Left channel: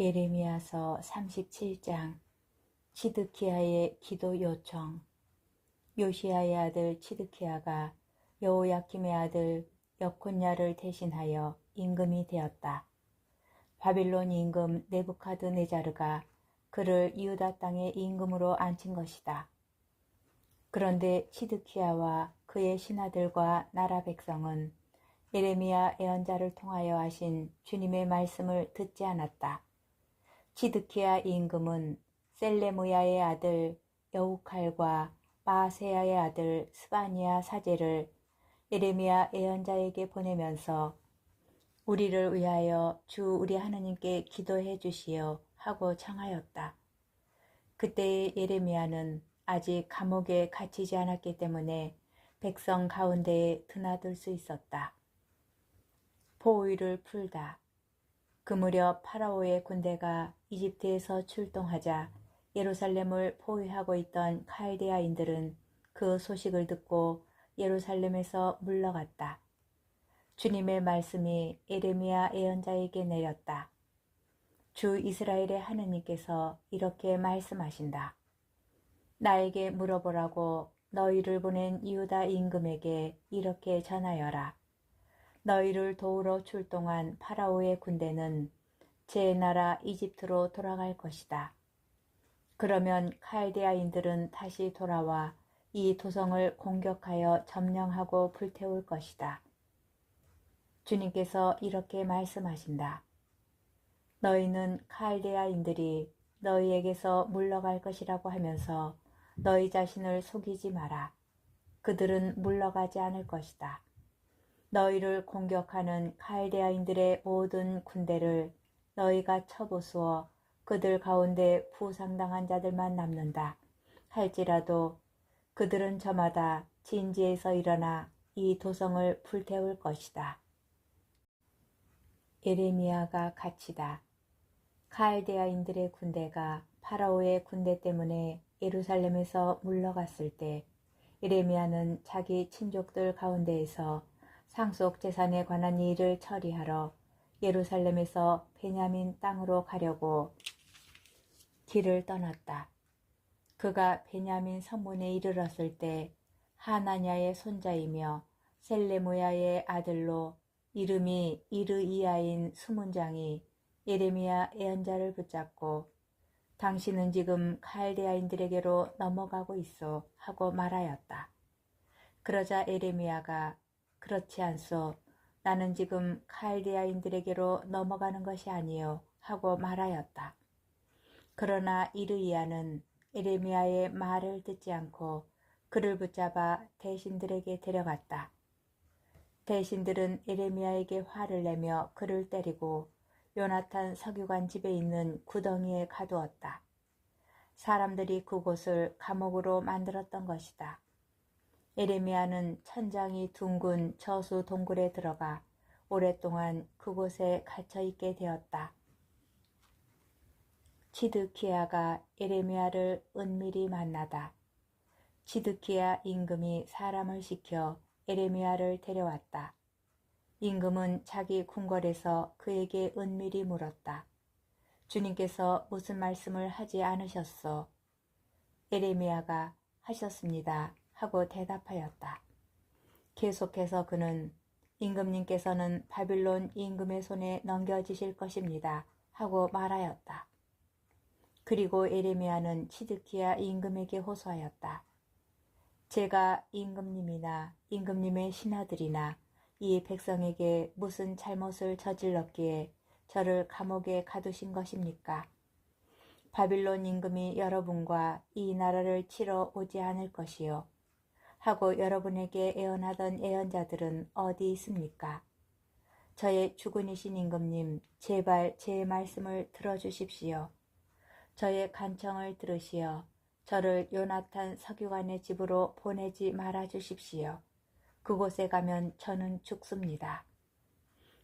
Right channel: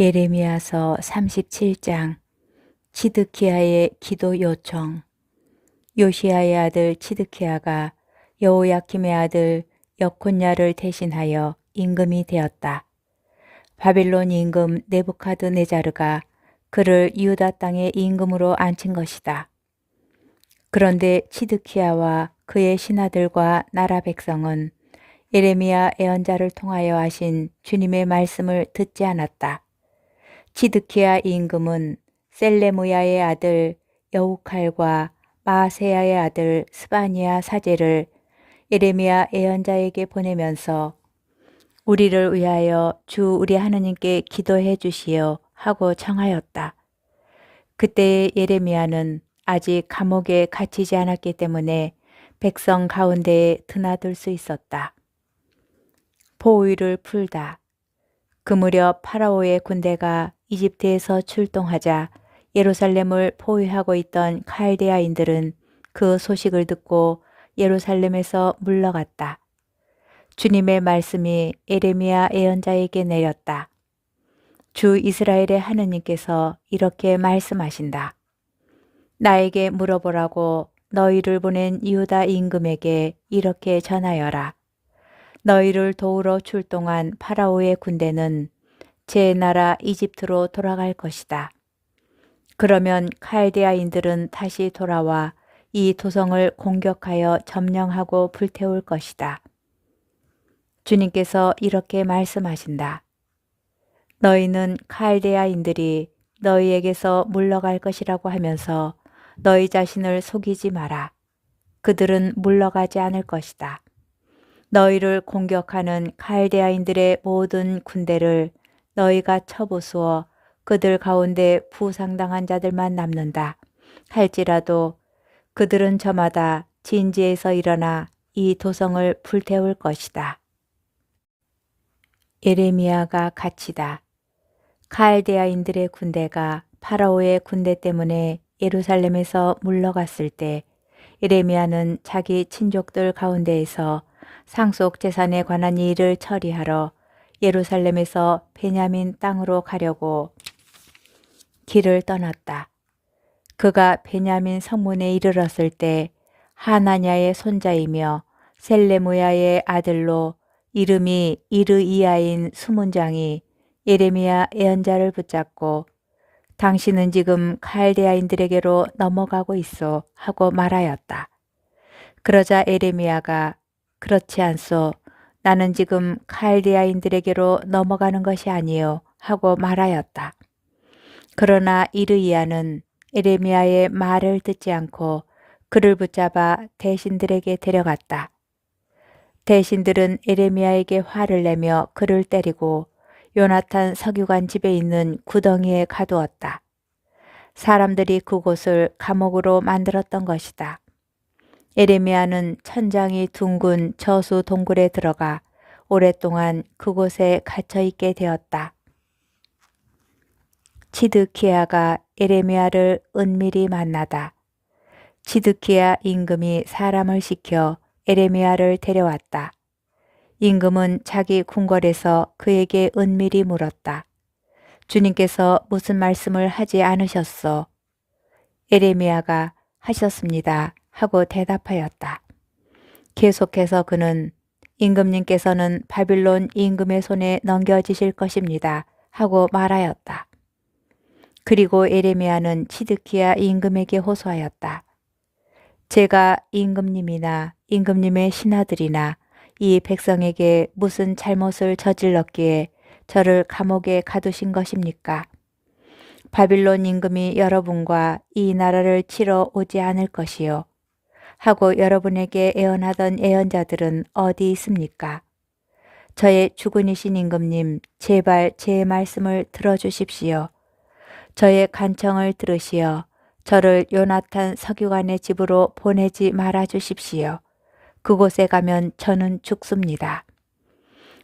예레미야서 37장. 치드키야의 기도 요청. 요시야의 아들 치드키야가 여호야킴의 아들 여콘야를 대신하여 임금이 되었다. 바빌론 임금 네부카드네자르가 그를 유다 땅의 임금으로 앉힌 것이다. 그런데 치드키야와 그의 신하들과 나라 백성은 예레미야 예언자를 통하여 하신 주님의 말씀을 듣지 않았다. 치드키야 임금은 셀레무야의 아들 여우칼과 마아세야의 아들 스바니야 사제를 예레미야 예언자에게 보내면서 우리를 위하여 주 우리 하느님께 기도해 주시오 하고 청하였다. 그때의 예레미야는 아직 감옥에 갇히지 않았기 때문에 백성 가운데에 드나들 수 있었다. 포위를 풀다. 그 무렵 파라오의 군대가 이집트에서 출동하자 예루살렘을 포위하고 있던 칼데아인들은 그 소식을 듣고 예루살렘에서 물러갔다. 주님의 말씀이 예레미야 예언자에게 내렸다. 주 이스라엘의 하느님께서 이렇게 말씀하신다. 나에게 물어보라고 너희를 보낸 유다 임금에게 이렇게 전하여라. 너희를 도우러 출동한 파라오의 군대는 제 나라 이집트로 돌아갈 것이다. 그러면 칼데아인들은 다시 돌아와 이 도성을 공격하여 점령하고 불태울 것이다. 주님께서 이렇게 말씀하신다. 너희는 칼데아인들이 너희에게서 물러갈 것이라고 하면서 너희 자신을 속이지 마라. 그들은 물러가지 않을 것이다. 너희를 공격하는 칼데아인들의 모든 군대를 너희가 쳐부수어 그들 가운데 부상당한 자들만 남는다 할지라도 그들은 저마다 진지에서 일어나 이 도성을 불태울 것이다. 예레미야가 갇히다. 칼데아인들의 군대가 파라오의 군대 때문에 예루살렘에서 물러갔을 때 예레미야는 자기 친족들 가운데에서 상속 재산에 관한 일을 처리하러 예루살렘에서 베냐민 땅으로 가려고 길을 떠났다. 그가 베냐민 성문에 이르렀을 때 하나냐의 손자이며 셀레무야의 아들로 이름이 이르이야인 수문장이 예레미야 예언자를 붙잡고 당신은 지금 칼데아인들에게로 넘어가고 있어 하고 말하였다. 그러자 예레미야가 그렇지 않소. 나는 지금 칼데아인들에게로 넘어가는 것이 아니요 하고 말하였다. 그러나 이르이야는 예레미야의 말을 듣지 않고 그를 붙잡아 대신들에게 데려갔다. 대신들은 예레미야에게 화를 내며 그를 때리고 요나탄 서기관 집에 있는 구덩이에 가두었다. 사람들이 그곳을 감옥으로 만들었던 것이다. 예레미야는 천장이 둥근 저수 동굴에 들어가 오랫동안 그곳에 갇혀 있게 되었다. 치드키야가 예레미야를 은밀히 만나다. 치드키야 임금이 사람을 시켜 예레미야를 데려왔다. 임금은 자기 궁궐에서 그에게 은밀히 물었다. 주님께서 무슨 말씀을 하지 않으셨소? 예레미야가 하셨습니다 하고 대답하였다. 계속해서 그는 임금님께서는 바빌론 임금의 손에 넘겨지실 것입니다 하고 말하였다. 그리고 예레미야는 치드키야 임금에게 호소하였다. 제가 임금님이나 임금님의 신하들이나 이 백성에게 무슨 잘못을 저질렀기에 저를 감옥에 가두신 것입니까? 바빌론 임금이 여러분과 이 나라를 치러 오지 않을 것이요. 하고 여러분에게 예언하던 예언자들은 어디 있습니까? 저의 주군이신 임금님, 제발 제 말씀을 들어주십시오. 저의 간청을 들으시어 저를 요나탄 서기관의 집으로 보내지 말아 주십시오. 그곳에 가면 저는 죽습니다.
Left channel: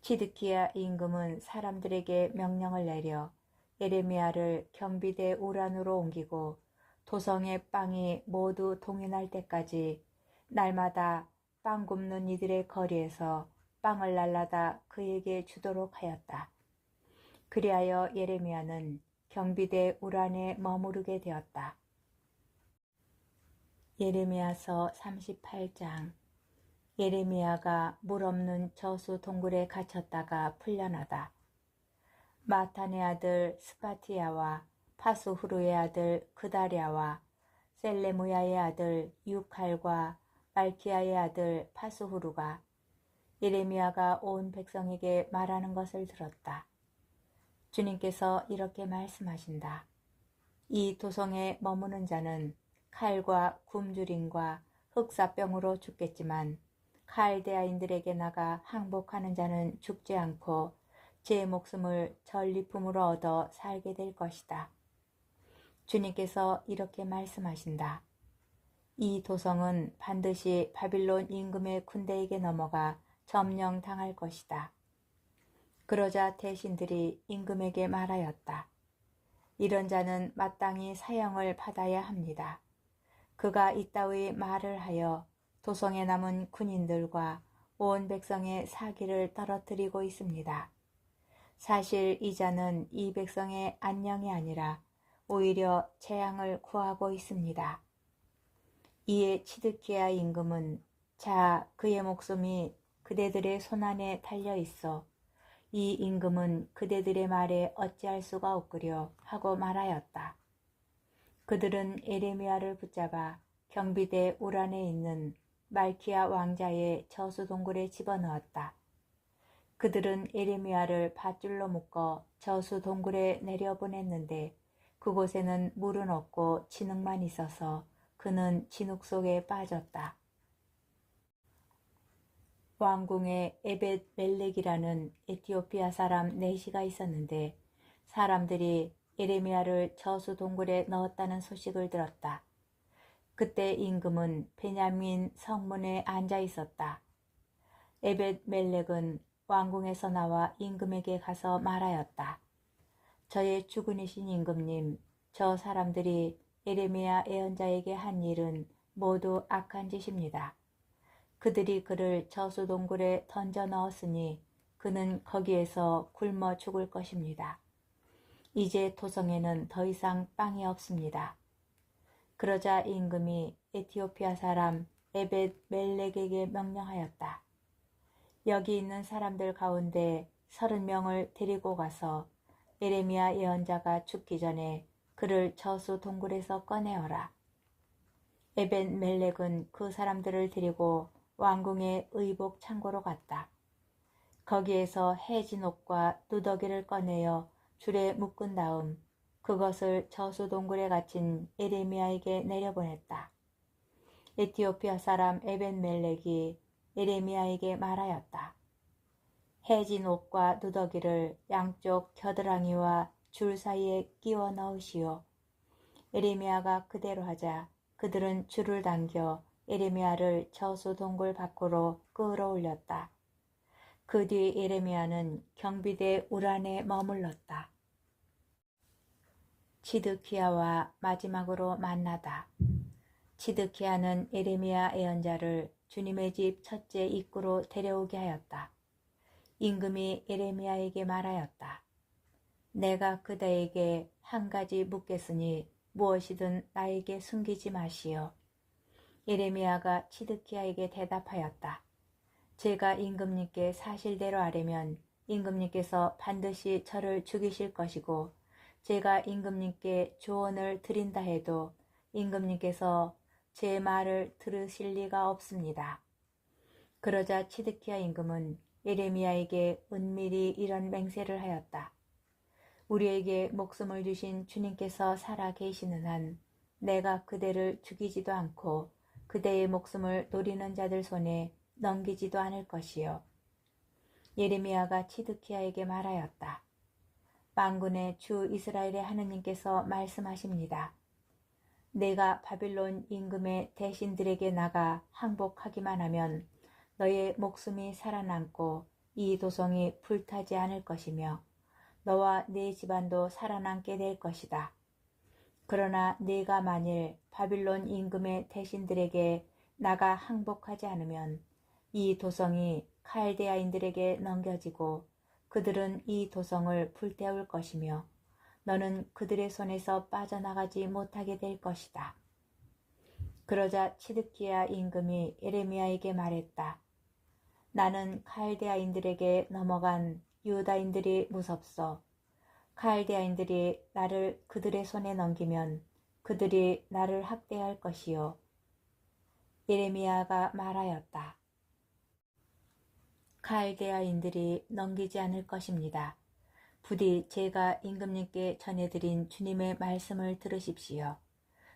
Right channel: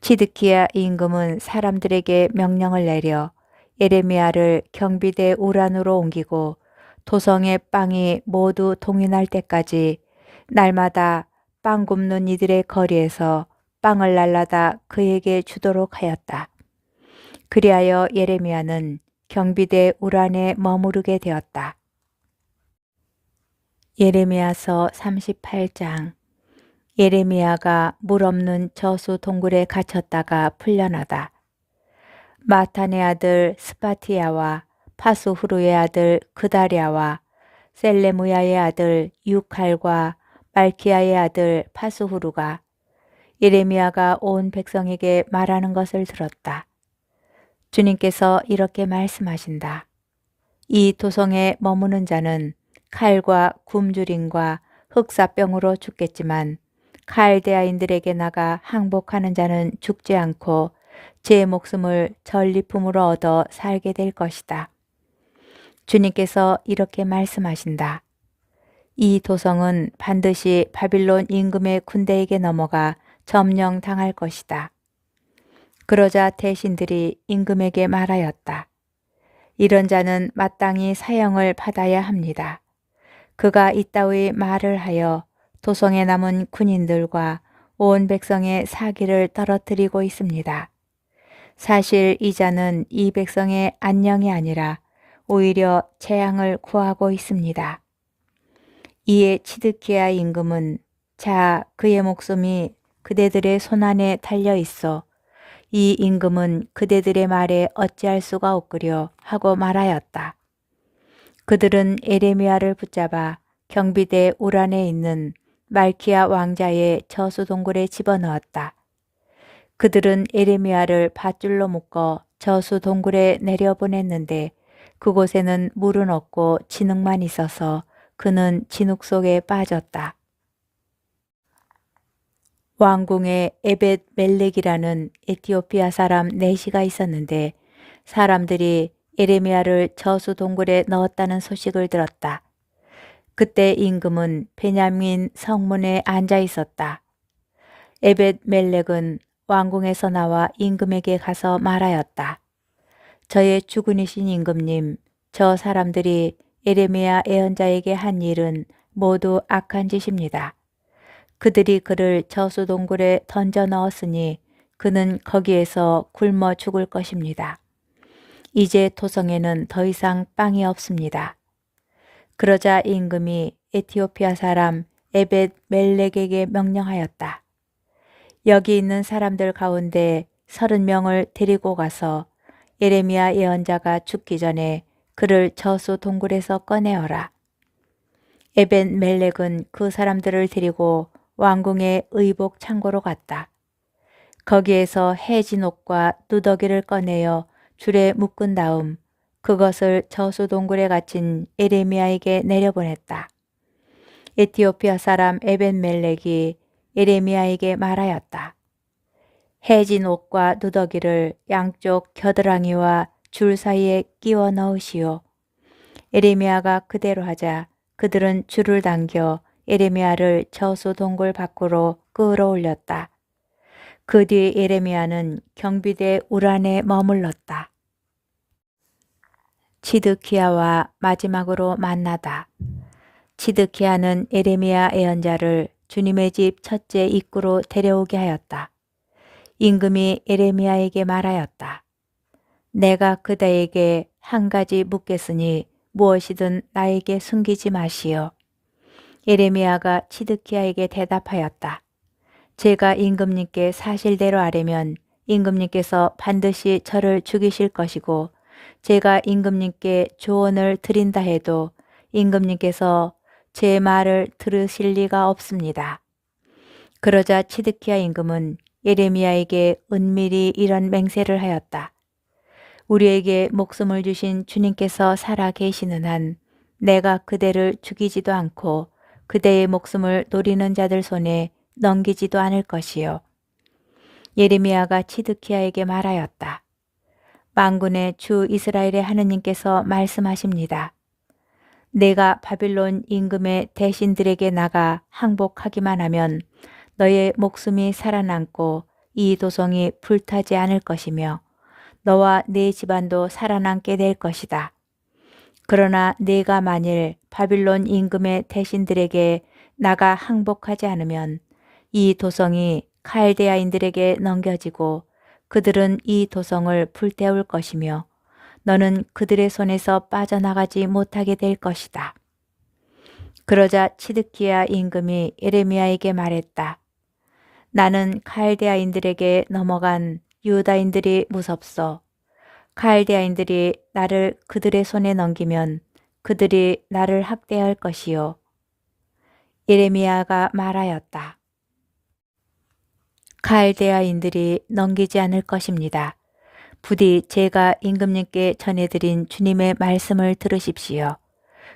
치드키야 임금은 사람들에게 명령을 내려 예레미야를 경비대 우란으로 옮기고 도성의 빵이 모두 동인할 때까지 날마다 빵 굽는 이들의 거리에서 빵을 날라다 그에게 주도록 하였다. 그리하여 예레미야는 경비대 우란에 머무르게 되었다. 예레미야서 38장. 예레미야가 물 없는 저수 동굴에 갇혔다가 풀려나다. 마탄의 아들 스파티야와 파수후루의 아들 그다랴와 셀레무야의 아들 유칼과 말키야의 아들 파수후루가 예레미야가 온 백성에게 말하는 것을 들었다. 주님께서 이렇게 말씀하신다. 이 도성에 머무는 자는 칼과 굶주림과 흑사병으로 죽겠지만 칼데아인들에게 나가 항복하는 자는 죽지 않고 제 목숨을 전리품으로 얻어 살게 될 것이다. 주님께서 이렇게 말씀하신다. 이 도성은 반드시 바빌론 임금의 군대에게 넘어가 점령당할 것이다. 그러자 대신들이 임금에게 말하였다. 이런 자는 마땅히 사형을 받아야 합니다. 그가 이따위 말을 하여 도성에 남은 군인들과 온 백성의 사기를 떨어뜨리고 있습니다. 사실 이 자는 이 백성의 안녕이 아니라 오히려 재앙을 구하고 있습니다. 이에 치드키야 임금은 자 그의 목숨이 그대들의 손안에 달려 있어 이 임금은 그대들의 말에 어찌할 수가 없으려 하고 말하였다. 그들은 예레미야를 붙잡아 경비대 우란에 있는 말키야 왕자의 저수 동굴에 집어넣었다. 그들은 예레미야를 밧줄로 묶어 저수 동굴에 내려보냈는데 그곳에는 물은 없고 진흙만 있어서 그는 진흙 속에 빠졌다. 왕궁에 에벳 멜렉이라는 에티오피아 사람 넷이가 있었는데 사람들이 예레미야를 저수 동굴에 넣었다는 소식을 들었다. 그때 임금은 베냐민 성문에 앉아 있었다. 에벳 멜렉은 왕궁에서 나와 임금에게 가서 말하였다. 저의 주군이신 임금님, 저 사람들이 예레미야 예언자에게 한 일은 모두 악한 짓입니다. 그들이 그를 저수 동굴에 던져 넣었으니 그는 거기에서 굶어 죽을 것입니다. 이제 도성에는 더 이상 빵이 없습니다. 그러자 임금이 에티오피아 사람 에벳 멜렉에게 명령하였다. 여기 있는 사람들 가운데 30명을 데리고 가서 예레미야 예언자가 죽기 전에 그를 저수 동굴에서 꺼내어라. 에벳 멜렉은 그 사람들을 데리고 왕궁의 의복 창고로 갔다. 거기에서 해진 옷과 누더기를 꺼내어 줄에 묶은 다음 그것을 저수 동굴에 갇힌 예레미야에게 내려보냈다. 에티오피아 사람 에벳 멜렉이 예레미야에게 말하였다. 해진 옷과 누더기를 양쪽 겨드랑이와 줄 사이에 끼워 넣으시오. 예레미야가 그대로 하자 그들은 줄을 당겨 예레미야를 저수 동굴 밖으로 끌어올렸다. 그 뒤 예레미야는 경비대 우란에 머물렀다. 치드키야와 마지막으로 만나다. 치드키야는 예레미야 예언자를 주님의 집 첫째 입구로 데려오게 하였다. 임금이 예레미야에게 말하였다. 내가 그대에게 한 가지 묻겠으니 무엇이든 나에게 숨기지 마시오. 예레미야가 치드키야에게 대답하였다. 제가 임금님께 사실대로 아뢰면 임금님께서 반드시 저를 죽이실 것이고 제가 임금님께 조언을 드린다 해도 임금님께서 제 말을 들으실 리가 없습니다. 그러자 치드키야 임금은 예레미야에게 은밀히 이런 맹세를 하였다. 우리에게 목숨을 주신 주님께서 살아 계시는 한 내가 그대를 죽이지도 않고 그대의 목숨을 노리는 자들 손에 넘기지도 않을 것이요. 예레미야가 치드키야에게 말하였다. 만군의 주 이스라엘의 하느님께서 말씀하십니다. 내가 바빌론 임금의 대신들에게 나가 항복하기만 하면 너의 목숨이 살아남고 이 도성이 불타지 않을 것이며 너와 네 집안도 살아남게 될 것이다. 그러나 네가 만일 바빌론 임금의 대신들에게 나가 항복하지 않으면 이 도성이 칼데아인들에게 넘겨지고 그들은 이 도성을 불태울 것이며 너는 그들의 손에서 빠져나가지 못하게 될 것이다. 그러자 치드키야 임금이 예레미야에게 말했다. 나는 칼데아인들에게 넘어간 유다인들이 무섭소. 칼데아인들이 나를 그들의 손에 넘기면 그들이 나를 학대할 것이요. 예레미야가 말하였다. 칼데아인들이 넘기지 않을 것입니다. 부디 제가 임금님께 전해드린 주님의 말씀을 들으십시오.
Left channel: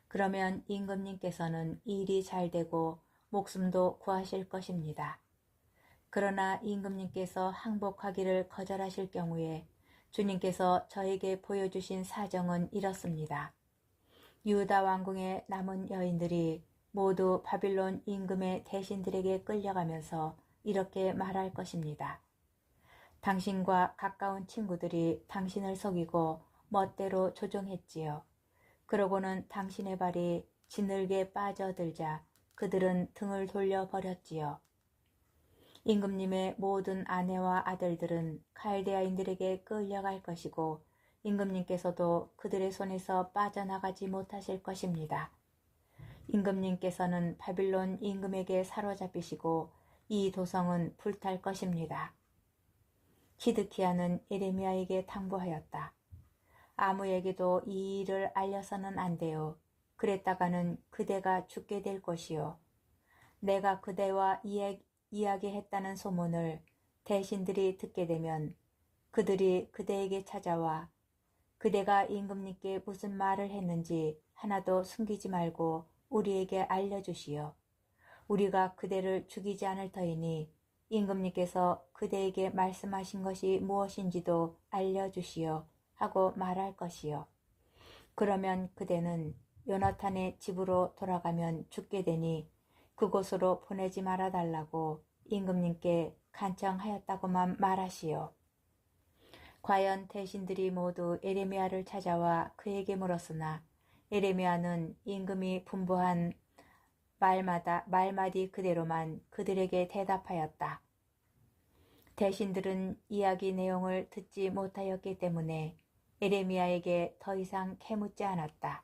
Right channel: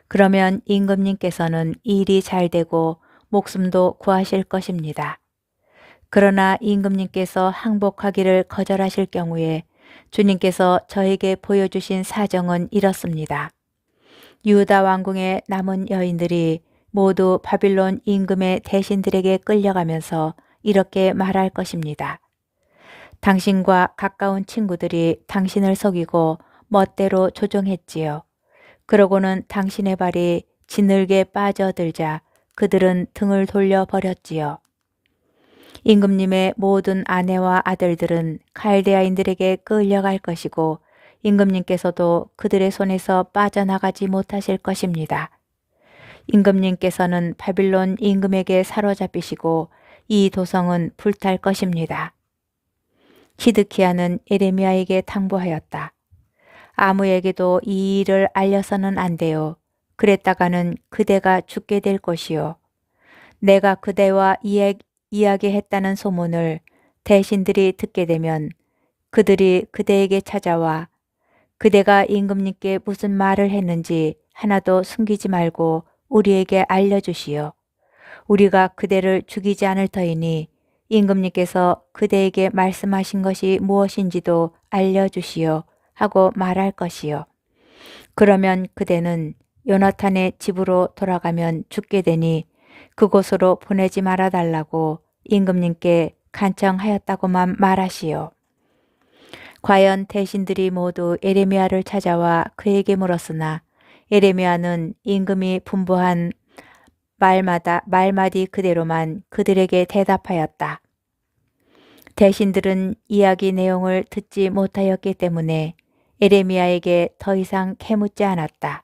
그러면 임금님께서는 일이 잘 되고 목숨도 구하실 것입니다. 그러나 임금님께서 항복하기를 거절하실 경우에 주님께서 저에게 보여주신 사정은 이렇습니다. 유다 왕궁의 남은 여인들이 모두 바빌론 임금의 대신들에게 끌려가면서 이렇게 말할 것입니다. 당신과 가까운 친구들이 당신을 속이고 멋대로 조종했지요. 그러고는 당신의 발이 진흙에 빠져들자 그들은 등을 돌려버렸지요. 임금님의 모든 아내와 아들들은 칼데아인들에게 끌려갈 것이고 임금님께서도 그들의 손에서 빠져나가지 못하실 것입니다. 임금님께서는 바빌론 임금에게 사로잡히시고 이 도성은 불탈 것입니다. 시드키야는 예레미야에게 당부하였다. 아무에게도 이 일을 알려서는 안 돼요. 그랬다가는 그대가 죽게 될 것이요. 내가 그대와 이야기했다는 소문을 대신들이 듣게 되면 그들이 그대에게 찾아와 그대가 임금님께 무슨 말을 했는지 하나도 숨기지 말고 우리에게 알려주시오. 우리가 그대를 죽이지 않을 터이니 임금님께서 그대에게 말씀하신 것이 무엇인지도 알려주시오 하고 말할 것이요. 그러면 그대는 요나탄의 집으로 돌아가면 죽게 되니 그곳으로 보내지 말아 달라고 임금님께 간청하였다고만 말하시오. 과연 대신들이 모두 예레미야를 찾아와 그에게 물었으나 예레미야는 임금이 분부한 말마디 그대로만 그들에게 대답하였다. 대신들은 이야기 내용을 듣지 못하였기 때문에 예레미야에게 더 이상 캐묻지 않았다.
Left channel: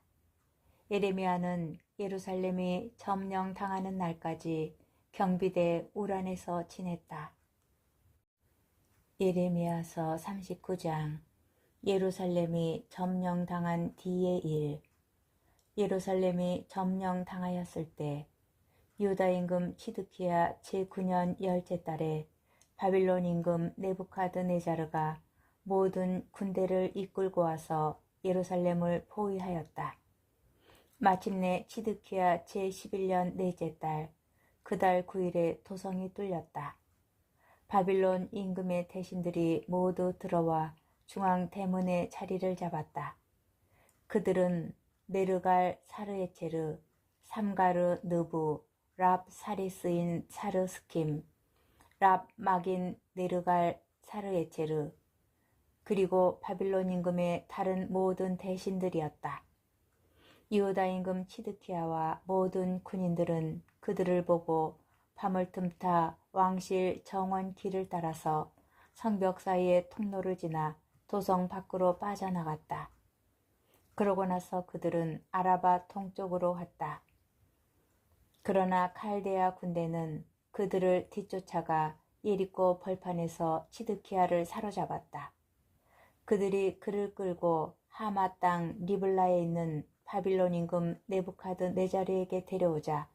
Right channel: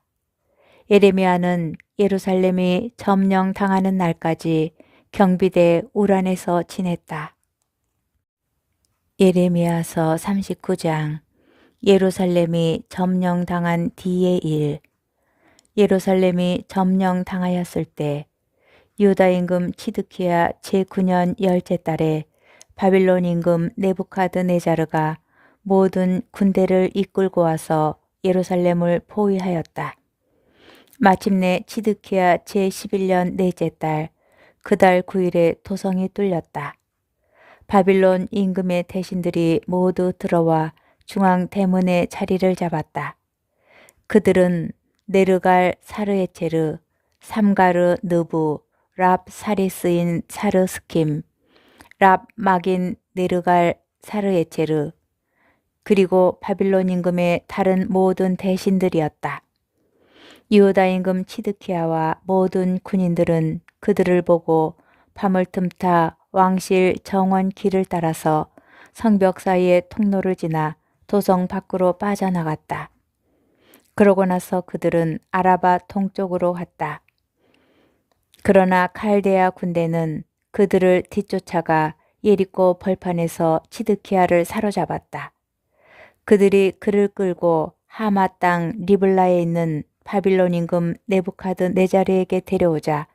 예레미야는 예루살렘이 점령당하는 날까지 경비대 우란에서 지냈다. 예레미야서 39장. 예루살렘이 점령당한 뒤의 일. 예루살렘이 점령당하였을 때 유다 임금 치드키야 제9년 열째 달에 바빌론 임금 네부카드네자르가 모든 군대를 이끌고 와서 예루살렘을 포위하였다. 마침내 치드키야 제11년 넷째 달 그 달 9일에 도성이 뚫렸다. 바빌론 임금의 대신들이 모두 들어와 중앙 대문에 자리를 잡았다. 그들은 네르갈 사르에체르, 삼가르 느부, 랍 사리스인 사르스킴, 랍 마긴 네르갈 사르에체르, 그리고 바빌론 임금의 다른 모든 대신들이었다. 유다 임금 치드키야와 모든 군인들은 그들을 보고 밤을 틈타 왕실 정원 길을 따라서 성벽 사이의 통로를 지나 도성 밖으로 빠져나갔다. 그러고 나서 그들은 아라바 동쪽으로 갔다. 그러나 칼데아 군대는 그들을 뒤쫓아가 예리코 벌판에서 치드키야를 사로잡았다. 그들이 그를 끌고 하마 땅 리블라에 있는 바빌론 임금 네부카드네자르에게 데려오자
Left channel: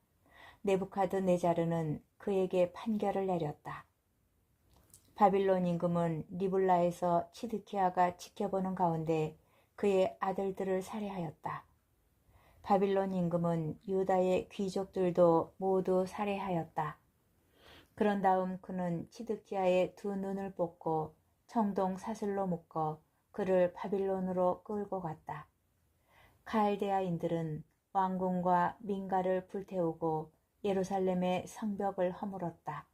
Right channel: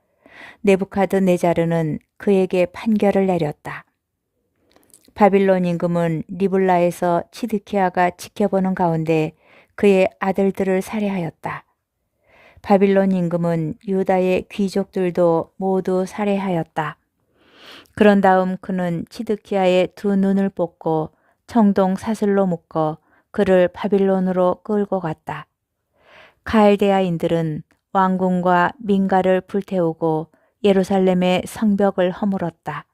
네부카드네자르는 그에게 판결을 내렸다. 바빌론 임금은 리블라에서 치드키야가 지켜보는 가운데 그의 아들들을 살해하였다. 바빌론 임금은 유다의 귀족들도 모두 살해하였다. 그런 다음 그는 치드키야의 두 눈을 뽑고 청동 사슬로 묶어 그를 바빌론으로 끌고 갔다. 칼데아인들은 왕궁과 민가를 불태우고 예루살렘의 성벽을 허물었다.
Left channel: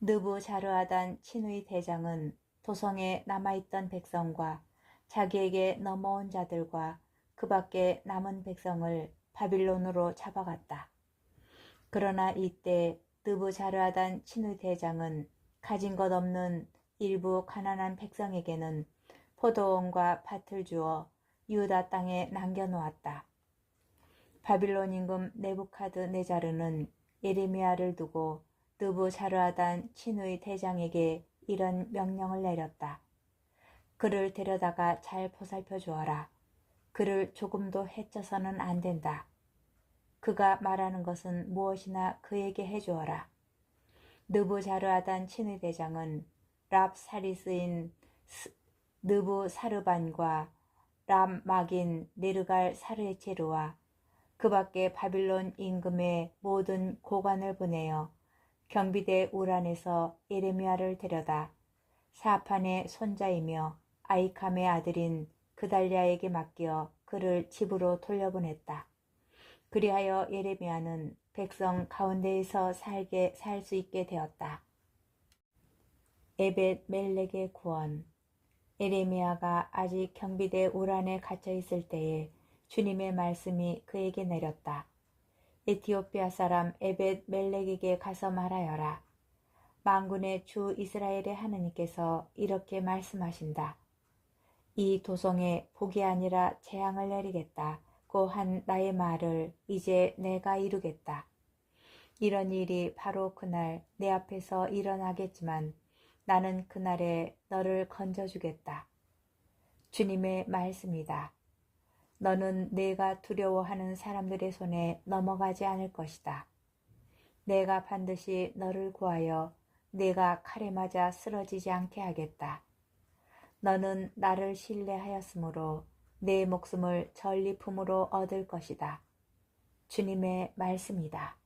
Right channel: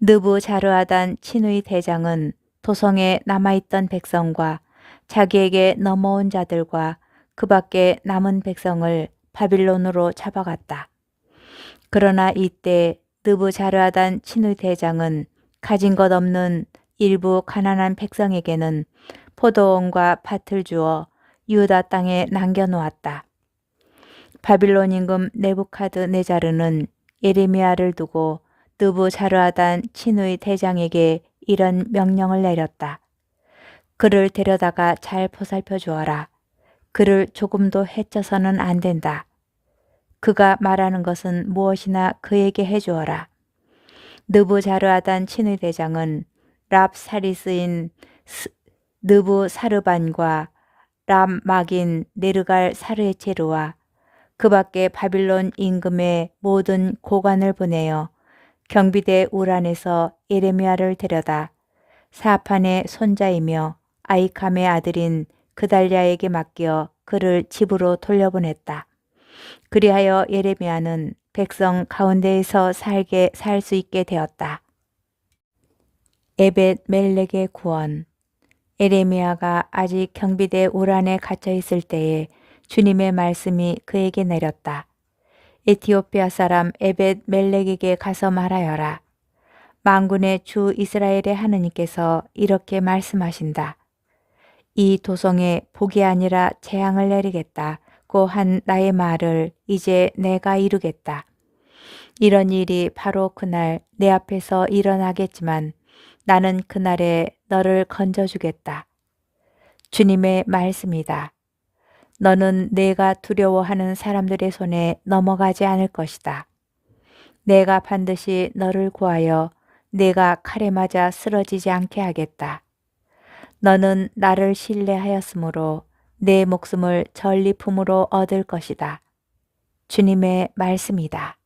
느부자르아단 친위 대장은 도성에 남아있던 백성과 자기에게 넘어온 자들과 그 밖에 남은 백성을 바빌론으로 잡아갔다. 그러나 이때 느부자르아단 친위 대장은 가진 것 없는 일부 가난한 백성에게는 포도원과 밭을 주어 유다 땅에 남겨놓았다. 바빌론 임금 네부카드네자르는 예레미야를 두고 느부자르아단 친의 대장에게 이런 명령을 내렸다. 그를 데려다가 잘 보살펴 주어라. 그를 조금도 해쳐서는 안 된다. 그가 말하는 것은 무엇이나 그에게 해주어라. 느부자르아단 친의 대장은 랍사리스인 느부사르반과 람막인 네르갈 사르에체르와 그 밖에 바빌론 임금의 모든 고관을 보내어 경비대 우란에서 예레미야를 데려다 사판의 손자이며 아이캄의 아들인 그달랴에게 맡겨 그를 집으로 돌려보냈다. 그리하여 예레미야는 백성 가운데에서 살 수 있게 되었다. 에벳 멜렉의 구원. 예레미야가 아직 경비대 우란에 갇혀 있을 때에 주님의 말씀이 그에게 내렸다. 에티오피아 사람 에벳 멜렉에게 가서 말하여라. 만군의 주 이스라엘의 하느님께서 이렇게 말씀하신다. 이 도성에 복이 아니라 재앙을 내리겠다고 한 나의 말을 이제 내가 이루겠다. 이런 일이 바로 그날 내 앞에서 일어나겠지만 나는 그날에 너를 건져주겠다. 주님의 말씀이다. 너는 내가 두려워하는 사람들의 손에 넘어가지 않을 것이다. 내가 반드시 너를 구하여 내가 칼에 맞아 쓰러지지 않게 하겠다. 너는 나를 신뢰하였으므로 내 목숨을 전리품으로 얻을 것이다. 주님의 말씀이다.